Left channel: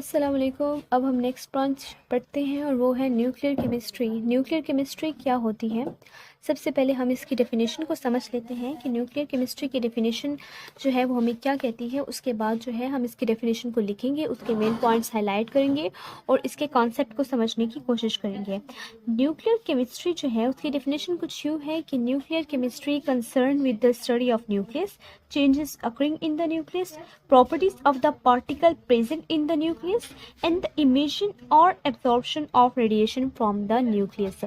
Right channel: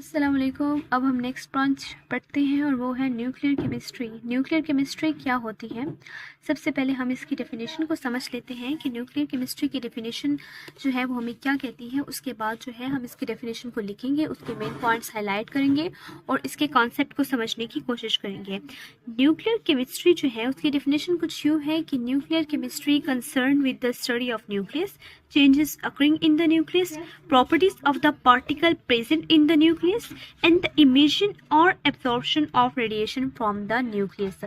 अस्सलाम वालेकुम। अब हम नेक्स्ट ब्रांच पढ़ते हैं और वो है न्यूक्लियर केमिस्ट्री। न्यूक्लियर केमिस्ट्री क्या होती है? सबसे पहले हम इसकी डेफिनेशन को समझ लेते हैं कि न्यूक्लियर केमिस्ट्री की डेफिनेशन जो है वो हमें क्या कहती है। उसके बाद जो है हम इसकी डेफिनेशन को लिखेंगे, उसके मेन पॉइंट्स हाईलाइट करेंगे और इसके कॉन्सेप्ट को समझने की कोशिश करेंगे। न्यूक्लियर केमिस्ट्री जो है उसकी डेफिनेशन कुछ यूँ है कि nuclear chemistry concern with the study of nucleus, changes occurring in the nucleus, properties of the particle present in the nucleus, and the emission or absorption of radiation from the nucleus।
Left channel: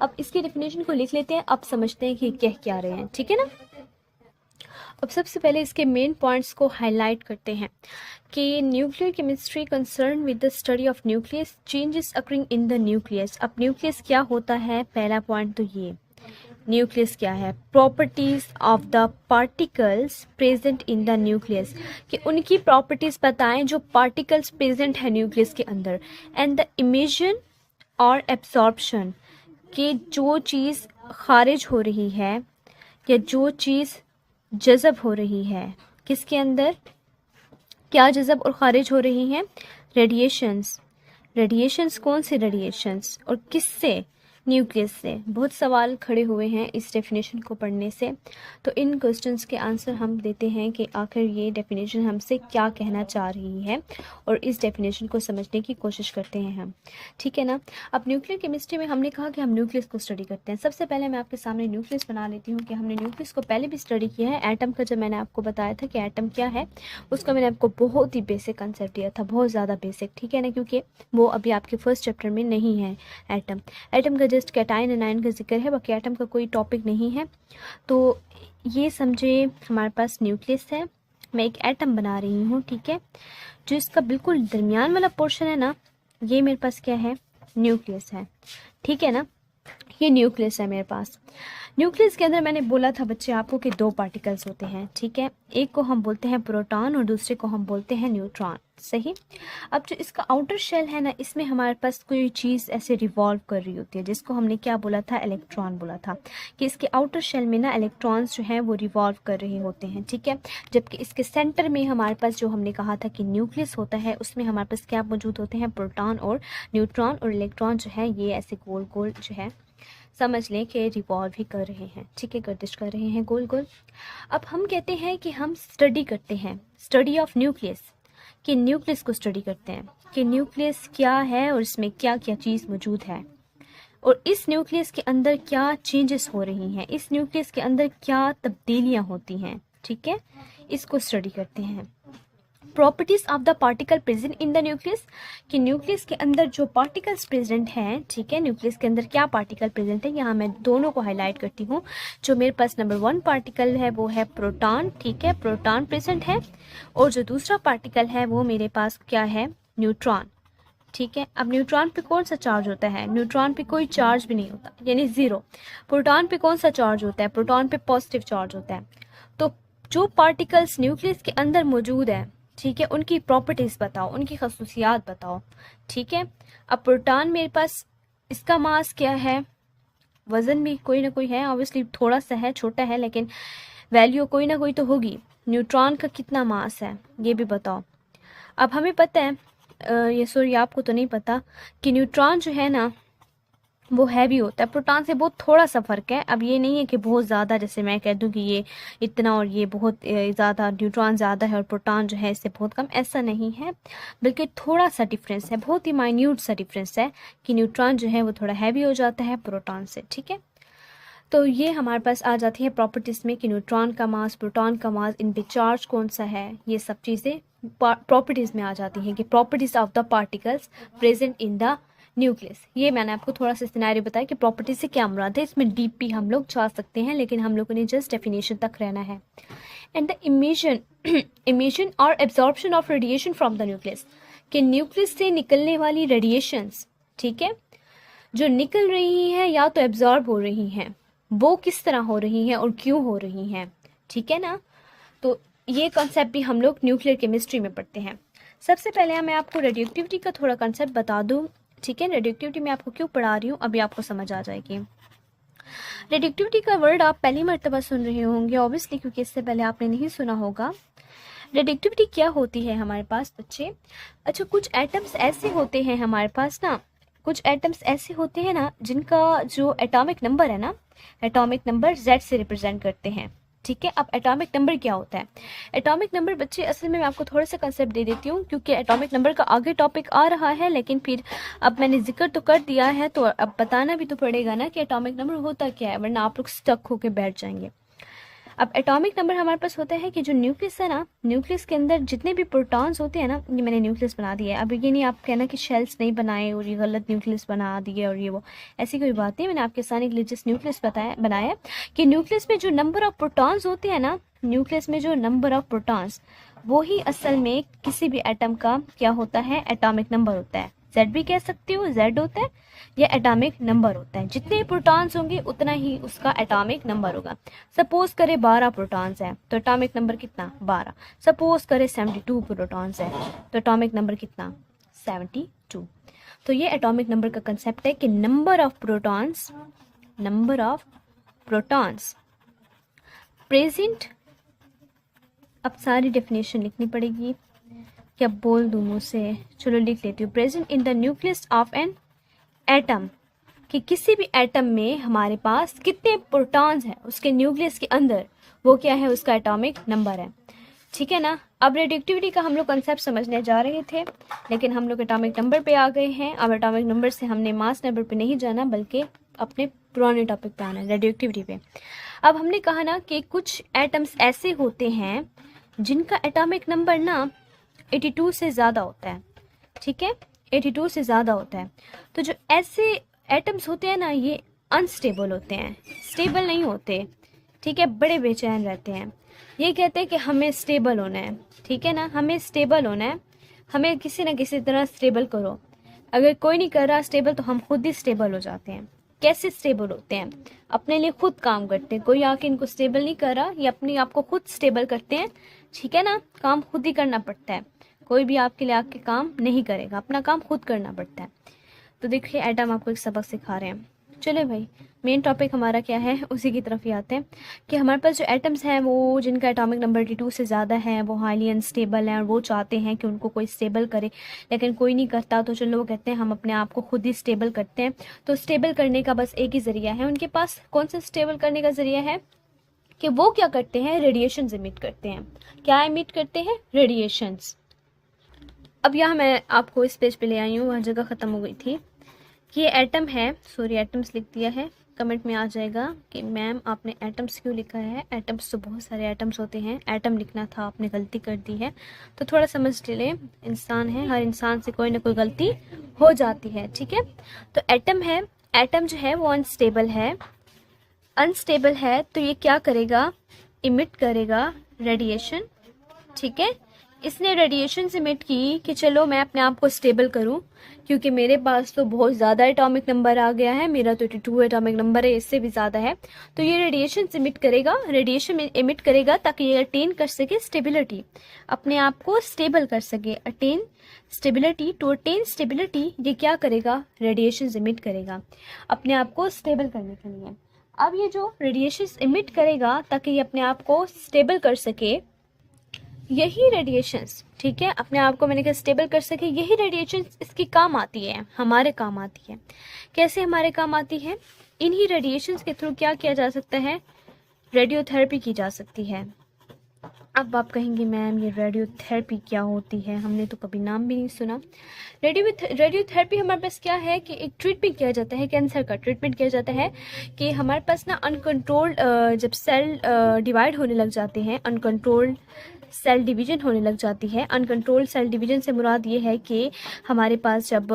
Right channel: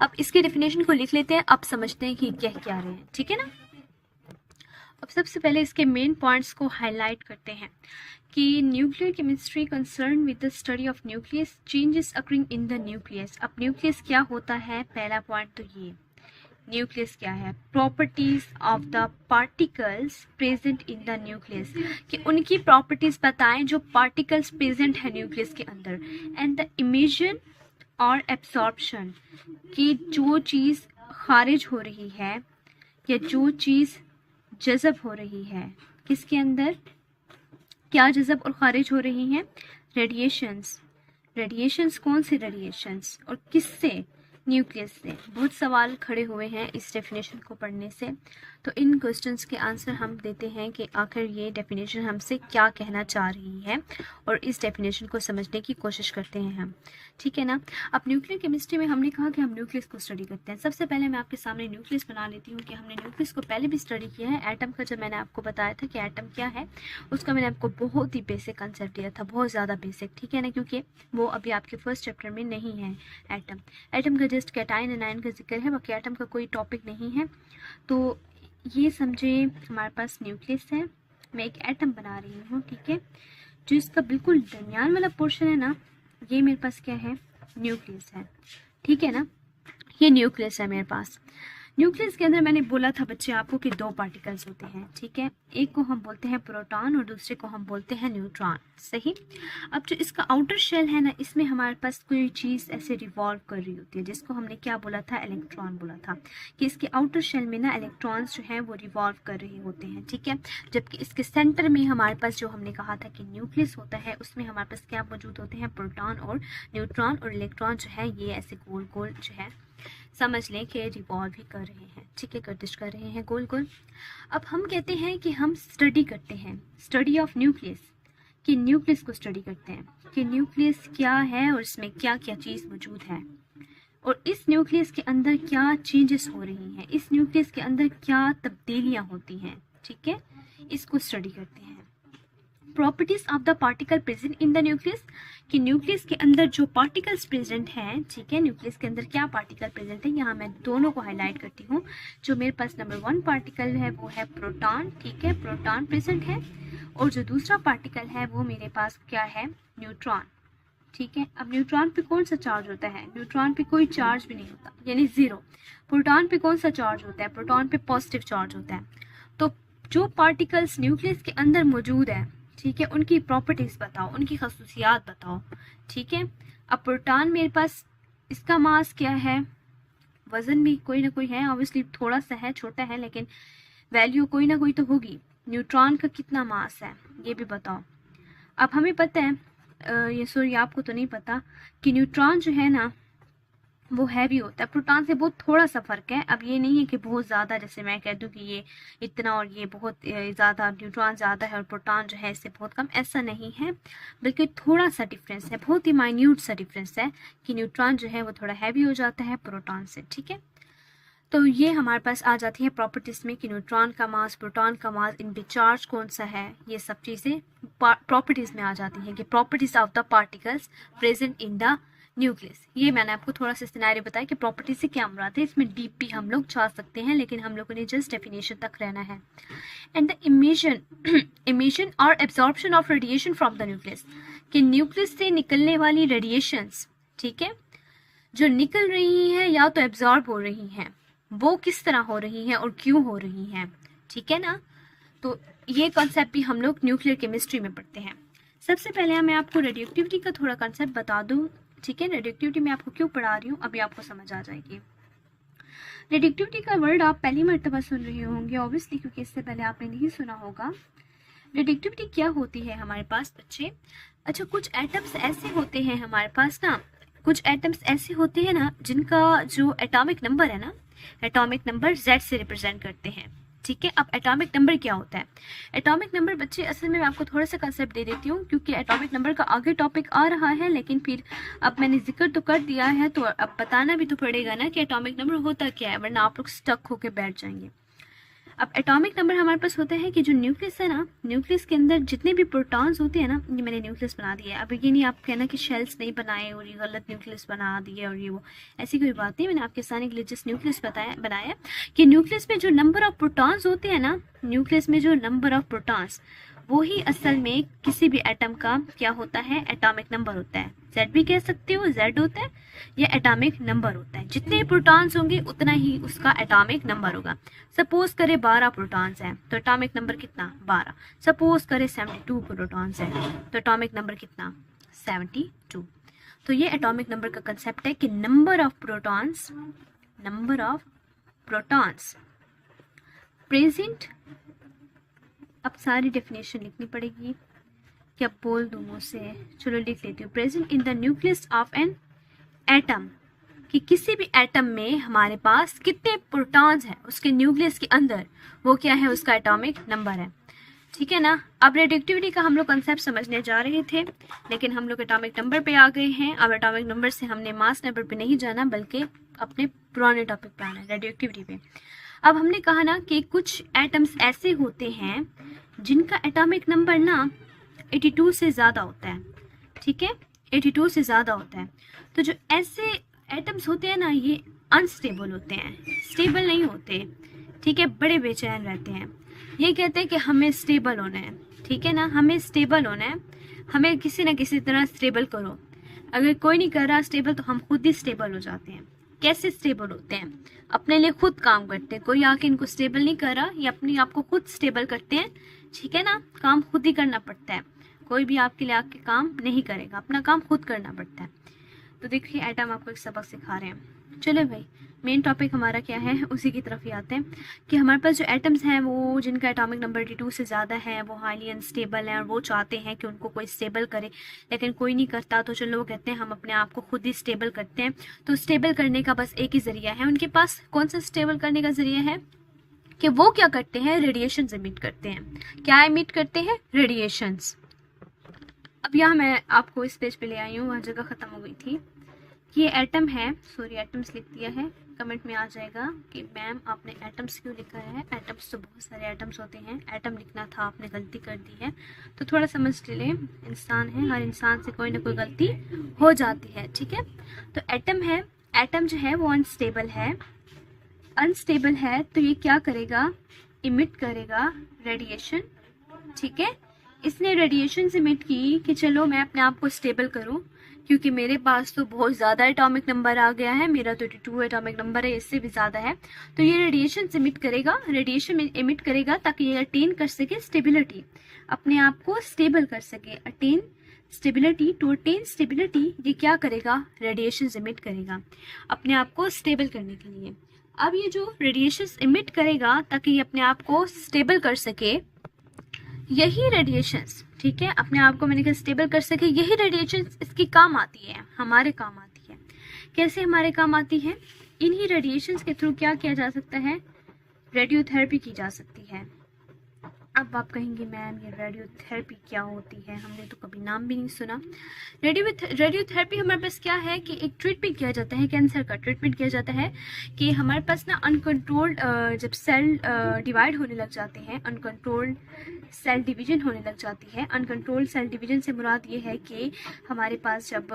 अब इसकी definition को लिख लेते हैं, अब समझते हैं कि कह क्या रहे हैं, ठीक है ना। अब सबसे पहले इसके मेन पॉइंट्स को हाईलाइट करते हैं कि nuclear chemistry concern with the study of nucleus, changes occurring in the nucleus. अब न्यूक्लियस क्या होता है, पहला पॉइंट तो ये न्यूक्लियस क्या है, properties of the particles present in the nucleus, कि उनकी प्रॉपर्टीज बताएं जो पार्टिकल्स प्रेजेंट है न्यूक्लियस के अंदर। एंड द इमिशन और एब्सॉर्प्शन, कि जो चीज़ खारिज हो रही है या जो चीज़ जज़ब हो रही है, किसके अंदर क्या जज़ब और खारिज हो रही हैं, रेडिएशंस। रेडिएशंस कौन से रेडिएशंस और किससे, न्यूक्लियस से। बहुत सवाल खड़े हुए हैं इस डेफिनेशन को पढ़ने से, तो इन क्वेश्चंस के आंसर हम देते हैं कि आखिर ये डेफिनेशन हमसे क्या कहना चाह रही है और इस डेफिनेशन को समझने की कोशिश करते हैं हम, ठीक है ना। अब न्यूक्लियर केमिस्ट्री में हमने कहा कि हम न्यूक्लियस को स्टडी करते हैं। सबसे पहले मैं आपके सामने न्यूक्लियस बना लेती हूँ कि हमने न्यूक्लियस को पहले भी स्टडी किया है। एटम का जब मैंने आपको बताया था कि एटम क्या है, उसका मैंने आपको बहुत ही बेसिक कंसेप्ट दिया था, बहुत ज़्यादा बेसिक, ठीक है ना, क्योंकि वो अभी आपके फर्स्ट चैप्टर में नहीं है। एटम का जस्ट कैटाइन एनाइन का जिक्र है, बाकी एटम का कोई टॉपिक नहीं है। तो ये समझे हमारे पास न्यूक्लियस है, मैं एक एटम बना रही हूँ, ठीक है। जो इसका बिल्कुल दरमियान वाला पोर्शन है ना, ये मेरे पास क्या है, न्यूक्लियस है, ठीक है ना। ये न्यूक्लियस है मेरे पास। न्यूक्लियस के अंदर मैंने बोला था बच्चे आपको कि दो पार्टिकल्स होते हैं, ठीक है। एक को हम बोलते हैं प्रोटॉन और दूसरे को हम बोलते हैं न्यूट्रॉन, सही। अब जो इसका आउटर शेल है ना, इसमें हमारे पास कोई चीज़ ऐसे रिवॉल्व कर रही होती है, जिसको हमने क्या बोला था, इलेक्ट्रॉन बोला था, कि इसके आउटर शेल में ना इलेक्ट्रॉन्स जो हैं वो रिवॉल्व कर रहे होते हैं, ठीक है। जबकि इसके सेंटर में हमारे पास जो हमने कहा था कि न्यूक्लियस होता है, उसमें हमारे पास क्या मौजूद होते हैं, प्रोटॉन और न्यूट्रॉन, और इलेक्ट्रॉन जो है ये ऐसे गोल गोल जो है समझ लें कि रिवॉल्व ही कर रहे हैं, ठीक है, गर्दिश कर रहे हैं गोल गोल। अब हम कहते हैं कि हम स्टडी करते हैं, स्टडी ऑफ न्यूक्लियस, कि न्यूक्लियस को स्टडी करते हैं कि न्यूक्लियस क्या है और इसमें क्या क्या चीज़ मौजूद है, और इस न्यूक्लियस के अंदर क्या चेंजेस हो रही हैं, इस न्यूक्लियस के अंदर क्या तब्दीलियाँ होती हैं, ठीक है, इसको स्टडी करते हैं। Properties of the particle present in the nucleus, कि न्यूक्लियस के अंदर जो पार्टिकल्स प्रेजेंट हैं, ठीक है, न्यूक्लियस के अंदर क्या पार्टिकल प्रेजेंट है, यहाँ मैं दोनों को हाईलाइट करती हूँ। जो मेरे पास नंबर 1 पार्टिकल है वो है प्रोटॉन, ठीक है, प्रोटॉन प्रेजेंट है, और जो दूसरा पार्टिकल है वो मेरे पास क्या है, न्यूट्रॉन, ठीक है। अब न्यूट्रॉन पे कौन सा चार्ज होता है, न्यूट्रॉन पे कोई चार्ज भी नहीं होता, यानी ज़ीरो। प्रोटॉन पे कौन सा चार्ज होता है, प्रोटॉन पे पॉजिटिव चार्ज होता है। तो जो पार्टिकल्स न्यूक्लियस के अंदर मौजूद है, ठीक है, उनकी प्रॉपर्टीज़ बताओ, उनकी खसूसियात बताओ, ठीक है। अब प्रोटॉन मेरे पास, इसका मास क्या है, वज़न भी कोई ना कोई है, ऑब्वियसली थोड़ा सा है, छोटा है, लेकिन वैल्यू कोई ना कोई तो होगी। न्यूट्रॉन का कितना मास है ये भी बताओ। अब हमें पता है, ये सॉरी आपको तो नहीं पता, कि न्यूट्रॉन जो है ना वो हैवी होता है, प्रोटॉन से बहुत थोड़ा सा फ़र्क है। अब ये नहीं है कि बहुत ज़्यादा, जैसे मैं कह दूं कि ये इतना और ये बहुत ज़्यादा, न्यूट्रॉन ज़्यादा है और प्रोटॉन जो है इससे बहुत कम, ऐसा नहीं है, बल्कि थोड़ा सा डिफरेंस है, बहुत ही माइन्यूट सा डिफरेंस है, कि न्यूट्रॉन जो है वो थोड़ा हैवी हो जाता है प्रोटॉन से, ठीक है। तो ये हमारे पास आ जाती है प्रॉपर्टीज़ में कि न्यूट्रॉन का मास, प्रोटॉन का मास, इन पे चार्ज कौन सा है, ये सब चीज़ें प्रॉपर्टीज़ में आ जाती हैं, कि properties of the particles present in the nucleus. ये मैंने आपको थोड़ा सा सिनेरियो बताया कि प्रॉपर्टी से क्या मुराद है, इसमें डीप भी हम लोग जा सकते हैं, लेकिन हम लोगों ने जस्ट डेफिनेशन तक रहना है। एंड द इमिशन इमिशन और absorption of radiation from the nucleus, कि न्यूक्लियस से निकलने वाली रेडिएशंस, ठीक है, जो निकल रही हैं या तो एब्जॉर्ब हो रही हैं, वो किस तरह हो रही हैं और क्यों हो रही हैं, ठीक है ना। तो ये कॉन्सेप्ट भी हम लोग न्यूक्लियर केमिस्ट्री में पढ़ते हैं। सबसे पहले मैं आपको रेडियोएक्टिविटी का थोड़ा कॉन्सेप्ट बता दूं, ठीक है। रेडियोएक्टिविटी में आपको क्यों पढ़ा रही हूँ अभी आपको समझ आ जाएगी। रेडियोएक्टिविटी का वर्ड आप पहली मर्तबा सुन रहे होंगे ऑब्वियसली, क्योंकि इससे पहले आपने नहीं सुना होगा। रेडिएक्टिविटी क्या होती है हमारे पास बच्चे? अच्छा, कुछ एटम्स ऐसे होते हैं हमारे पास ना, कुछ एटम्स ऐसे होते हैं ना जिनका जो एटॉमिक नंबर है ना, एटॉमिक नंबर Z से रिप्रेजेंट करते हैं। ठीक है, अब एटॉमिक नंबर क्या होता है? एटॉमिक नंबर बच्चे असल में मैं आपको थोड़ा सा कंसेप्ट दे देती हूँ, क्योंकि एटॉमिक नंबर का आगे टॉपिक आ रहा है, लेकिन फिर अब मैंने जिक्र तो कर दिया है तो अब बताना भी तो पड़ेगा ना कि एटॉमिक नंबर होता क्या है, वरना आप लोग स्टक होके बैठ जाएंगे। अब एटॉमिक नंबर हमारे पास होता है कि जो न्यूक्लियस है ना, न्यूक्लियस के अंदर जितने भी प्रोटॉन्स होते हैं ना, ये मैंने न्यूक्लियस बना दिया है। अब ये नहीं आप कहना कि शेल्स नहीं बनाए और ये गलत न्यूक्लियस बना दिए और ये वो, ऐसी कोई बात नहीं। मैंने आपके सामने एक जस्ट न्यूक्लियस बनाया कि न्यूक्लियस में जो नंबर ऑफ प्रोटॉन्स होते हैं ना, न्यूक्लियस में जो नंबर ऑफ प्रोटॉन्स, वो ही असल में किसी भी एटम का क्या होता है, एटॉमिक नंबर होता है। जेड भी कह सकते हो, जेड होता है या एटॉमिक नंबर होता है। जितने प्रोटॉन्स होंगे उतना ही उसका एटॉमिक नंबर होगा। सपोज करें 12 प्रोटॉन्स है तो एटॉमिक नंबर कितना, 12। सपोज करें 72 प्रोटॉन्स है तो एटॉमिक नंबर कितना, 72। तो ये एटॉमिक नंबर का कंसेप्ट है कि नंबर ऑफ प्रोटॉन्स प्रेजेंट। अब सारी डेफिनेशन लिखनी पड़ेगी, क्या बोल दूं मुँह से, चलो लिख लेती हूँ। Present in the nucleus of an atom, कि किसी भी एटम में हमारे पास कितने प्रोटॉन्स हैं उसके न्यूक्लियस के अंदर, वो क्या है, उसका एटॉमिक नंबर है। ठीक है ना। अब रेडिएक्टिविटी का हम लोग कंसेप्ट समझने जा रहे थे, लेकिन हम लोग एटॉमिक नंबर पे आ गए हैं। अब एटॉमिक नंबर से हमने मास नंबर पे नहीं जाना, बल्कि अपने पुराने टॉपिक पे आना है, रेडिएक्टिविटी पे। अब हमने कहा ना कि कुछ एटम्स ऐसे होते हैं जिनका एटॉमिक नंबर ना 82 से ज़्यादा होता है। ठीक है, 82 से ज़्यादा होता है। तो जो ऐसे एटम्स होते हैं ना, ये अनस्टेबल होते हैं, स्टेबल नहीं होते। ठीक है, बड़े बेचैन रहते हैं। ये कहते हैं कि हमें स्टेबल होना है। ठीक है ना, हमें स्टेबल होना है, हमें किसी ना किसी तरह स्टेबल करो। अगर कोई नहीं कर रहा स्टेबल तो हम खुद ही स्टेबल हो जाते हैं। कैसे स्टेबल होते हैं? अपने लिए खुद काम करते हैं, कोई आके इनको स्टेबल नहीं कर रहा, ये अपने आप को खुद स्टेबल करते हैं। ठीक है ना, काम खुद ही करना पड़ता है, कोई भी आपके लिए आके काम नहीं करेगा, अपना काम खुद करना पड़ता है। तो देखिए एटम आपको एक सबक सिखा रहे हैं। चलो भाई, मेन टॉपिक हमारा क्या है, उसी की तरफ ही आते हैं कि हमारे पास जो एटम्स हैं वो जिनका एटॉमिक नंबर 82 से ज़्यादा है, वो हाईली अनस्टेबल हैं और वो चाहते हैं कि उनको कोई स्टेबल करे, लेकिन कोई नहीं करता। तो चलो वो कहते हैं हम अपने आप को खुद ही स्टेबल करते हैं। तो स्टेबल करने का बस एक ही ज़रिया है उनके पास। कौन सा स्टेबल करने का ज़रिया है? कि वो क्या करते हैं, रेडिएशन इमिट करते हैं। क्या इमिट करते हैं? रेडिएशंस। अब यहाँ मैं आपको इस पेज पे ले आई हूँ, वह जगह ख़त्म हो गई थी कि ये एटम है, सॉरी एटम्स लिख दिया है। कमेंट में आ जाएगा कि मैम आपने एटम्स क्यों लिखा है, एटम्स तो बहुत सारे एटम्स होते हैं, एटम लिखना था, आपने गलती कर दी है। तो थोड़ा समझ ले, इंसान है, हर इंसान से कोई ना कोई गलती हो जाती है। ठीक है, तो एटम है, एटम जो है वो अनस्टेबल है। अनस्टेबल है तो ये क्या करेगा, इमिट करेगा रेडिएशन। ठीक है, इसने रेडिएशन इमिट की कि चलो मैं अपने आप को स्टेबल करूं, क्योंकि मेरे पास तो बहुत ज़्यादा एटॉमिक नंबर आ गया है, मेरा तो 82 एटॉमिक नंबर है, इससे भी ज़्यादा है। तो ये रेडिएशन इमिट करेगा, रेडिएशन इमिट करेगा ताकि ये अटेन कर सके स्टेबिलिटी, अपने आप को स्टेबल कर सके। Attain stability, to attain stability ये क्या करेगा, रेडिएशन इमिट करेगा अपने आप को स्टेबल करने के लिए। अब ये जो रेडिएशन इमिट करेगा ताकि ये अपने आप को स्टेबल कर सके, यही रेडिएशंस, ठीक है, अपने आप को मैंने कहा स्टेबल कर सके, यही रेडिएशंस इसकी काम आती है, हमारे काम आती है। कैसे हमारे काम आती है? इन्हीं रेडिएशंस के थ्रू क्या किया जा सकता है, रेडियोथेरेपी की जा सकती है। अब आप कहेंगे मैम ये रेडियोथेरेपी क्या होती है, हमने तो कभी नाम भी नहीं सुना। रेडियोथेरेपी हमारे पास क्या है कि एक ट्रीटमेंट किया जाता है, कैंसर का ट्रीटमेंट किया जाता है कि हमारे पास ना अनकंट्रोल्ड जब सेल डिवाइड होने लग जाते हैं, अनकंट्रोल्ड सेल डिवीजन होने लग जाती है। अनकंट्रोल्ड सेल डिवीजन से मुराद ये है कि हमारे पास जब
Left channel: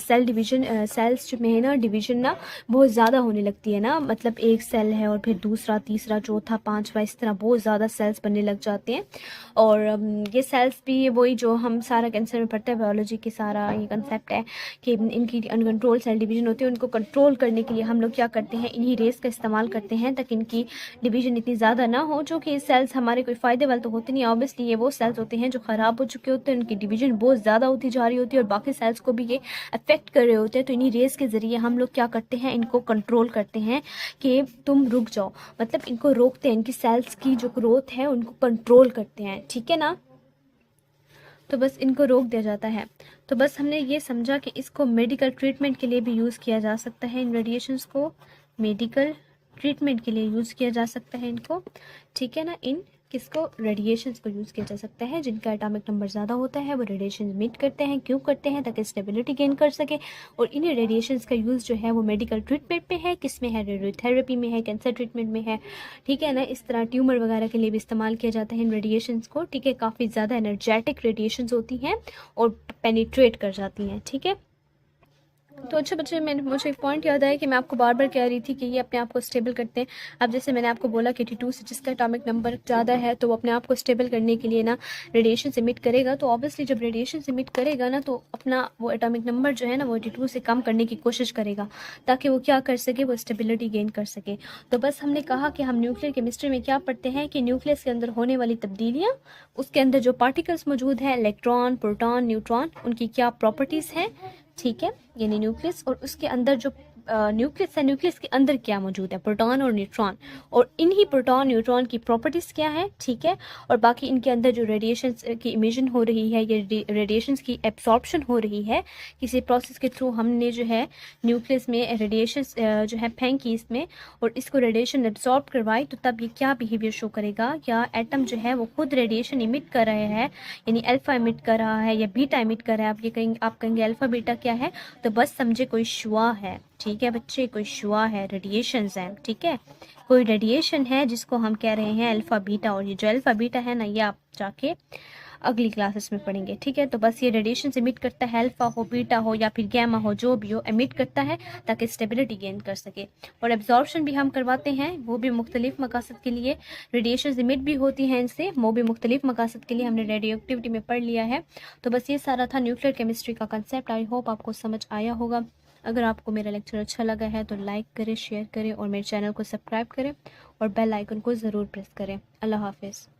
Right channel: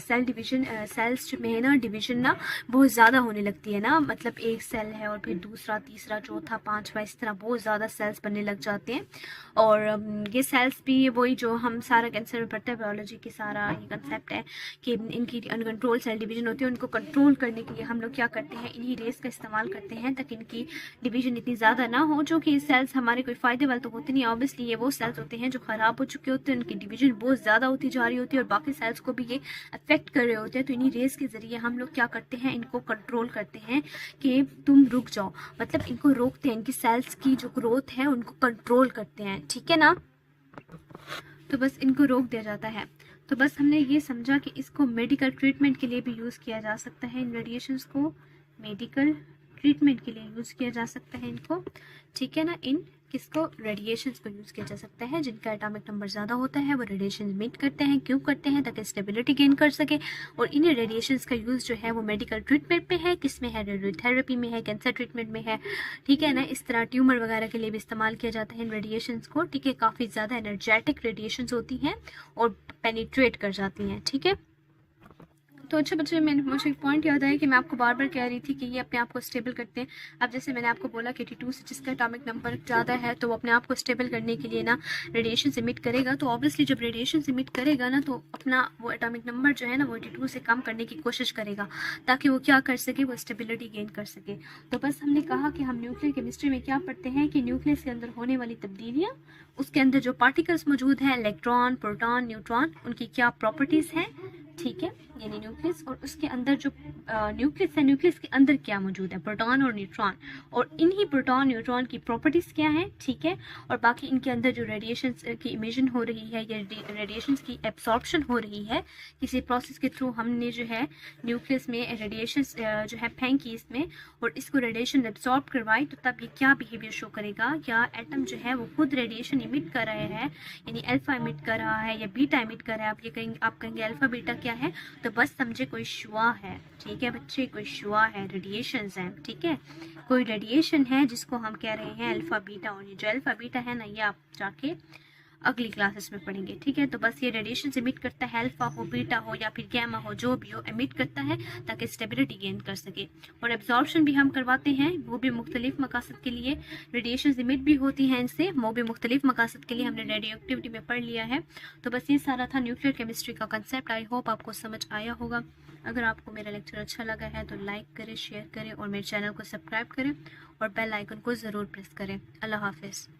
सेल डिवीजन, सेल्स में है ना डिवीजन ना बहुत ज़्यादा होने लगती है ना, मतलब एक सेल है और फिर दूसरा, तीसरा, चौथा, पांचवा, इस तरह बहुत ज़्यादा सेल्स बनने लग जाते हैं। और ये सेल्स भी वही जो हम सारा कैंसर में पढ़ते हैं, बायोलॉजी की सारा ये कंसेप्ट है कि इनकी अनकंट्रोल सेल डिवीजन होती है। उनको कंट्रोल करने के लिए हम लोग क्या करते हैं, इन्हीं रेस का इस्तेमाल करते हैं ताकि इनकी डिवीजन इतनी ज़्यादा ना हो, जो कि सेल्स हमारे कोई फ़ायदे वाले तो होते नहीं, ऑब्वियसली ये वो सेल्स होते हैं जो ख़राब हो चुके होते हैं, उनकी डिवीजन बहुत ज़्यादा होती जा रही होती है और बाकी सेल्स को भी ये अफेक्ट कर रहे होते हैं। तो इन्हीं रेस के ज़रिए हम लोग क्या करते हैं, इनको कंट्रोल करते हैं कि तुम रुक जाओ, मतलब इनको रोकते हैं, इनकी सेल्स की जो ग्रोथ है उनको कंट्रोल करते हैं, ठीक है ना। तो बस इनको रोक दिया जाता है। तो बस हमने ये समझा कि इसको मेडिकल ट्रीटमेंट के लिए भी यूज़ किया जा सकता है, इन रेडिएशंस को मेडिकल ट्रीटमेंट के लिए यूज़ किया जा सकता है इनको, ठीक है ना। इन किसको, रेडिएशंस को यूज़ किया जा सकता है। जिनका एटॉमिक नंबर ज़्यादा होता है वो रेडिएशन इमिट करते हैं। क्यों करते हैं? ताकि स्टेबिलिटी गेन कर सके। और इन्हीं रेडिएशंस का यूज़ जो है वो मेडिकल ट्रीटमेंट पे है, किस में है, रेडियोथेरेपी में है, कैंसर ट्रीटमेंट में है, ठीक है ना। इस तरह ट्यूमर वगैरह के लिए भी इस्तेमाल किया जाता है इन रेडिएशंस को, ठीक है। काफ़ी ज़्यादा एनर्जेटिक रेडिएशंस होती हैं और पेनिट्रेट कर जाती हैं, ठीक है। तो अच्छे बच्चे, मुझे एक पॉइंट याद आया कि मैं आपको बार बार कह रही थी कि ये अपने आप को स्टेबल करते हैं। अब जैसे मैंने आपको बोला कि 82 से जिसका एटॉमिक नंबर ज़्यादा है तो वो अपने आप को स्टेबल करने के लिए ना रेडिएशन इमिट करेगा। तो ऑब्वियसली जब रेडिएशन इमिट करेगा ना तो अपना वो एटॉमिक नंबर जो है ना वो 82 से कम करने की कोशिश करेगा, ताकि वो क्या कर सके, वो स्टेबिलिटी गेन कर सके। तो बस हमने कहा कि हम न्यूक्लियर केमिस्ट्री में क्या पढ़ते हैं कि न्यूक्लियस के अंदर होने वाली तब्दीलियाँ, उसके अंदर जो पार्टिकल्स मौजूद हैं, इलेक्ट्रॉन, प्रोटॉन, न्यूट्रॉन, उनकी क्या प्रॉपर्टीज़ हैं, ठीक है, यानी न्यूक्लियस। और उसके अंदर जो न्यूक्लियस है, न्यूक्लियस के अंदर क्या मौजूद है, प्रोटॉन और न्यूट्रॉन, और इन्हीं प्रोटॉन न्यूट्रॉन की प्रॉपर्टीज़ क्या है, ठीक है। और बाकी इनके अंदर जो रेडिएशन की इमिशन हो रही है, ये रेडिएशन की एब्सॉर्प्शन हो रही है किसी प्रोसेस के थ्रू, हमने जो है न्यूक्लियस में रेडिएशन जो है फेंकी इसमें और इसको रेडिएशन एब्सॉर्ब करवाई, तो तब ये क्या बिहेवियर शो करेगा, या एटम जो है वो खुद रेडिएशन इमिट कर रहा है, यानी अल्फा इमिट कर रहा है या बीटा इमिट कर रहा है। आप कहेंगे अल्फा बीटा क्या है, तो बस समझे कोई शुआ है, ठीक है बच्चे, कोई शुआ है, रेडिएशंस हैं, ठीक है। कोई रेडिएशन है जिसको हम कह रहे हैं अल्फा बीटा, और ये जो अल्फा बीटा है ना, ये आप जाके अगली क्लासेस में पढ़ेंगे, ठीक है। तो बस ये रेडिएशन इमिट करता है, अल्फा हो, बीटा हो या फिर गैमा हो, जो भी हो इमिट करता है ताकि स्टेबिलिटी गेन कर सके। और एब्जॉर्प्शन भी हम करवाते हैं, वो भी मुख्तलिफ मकासद के लिए। रेडिएशन इमिट भी होती हैं इनसे, वो भी मुख्तलिफ मकासद के लिए, हमने रेडियो एक्टिविटी में पढ़ लिया है। तो बस ये सारा था न्यूक्लियर केमिस्ट्री का कंसेप्ट। आई होप आपको समझ आया होगा। अगर आपको मेरा लेक्चर अच्छा लगा है तो लाइक करें, शेयर करें और मेरे चैनल को सब्सक्राइब करें और बेल आइकन को ज़रूर प्रेस करें। अल्लाह हाफिज़।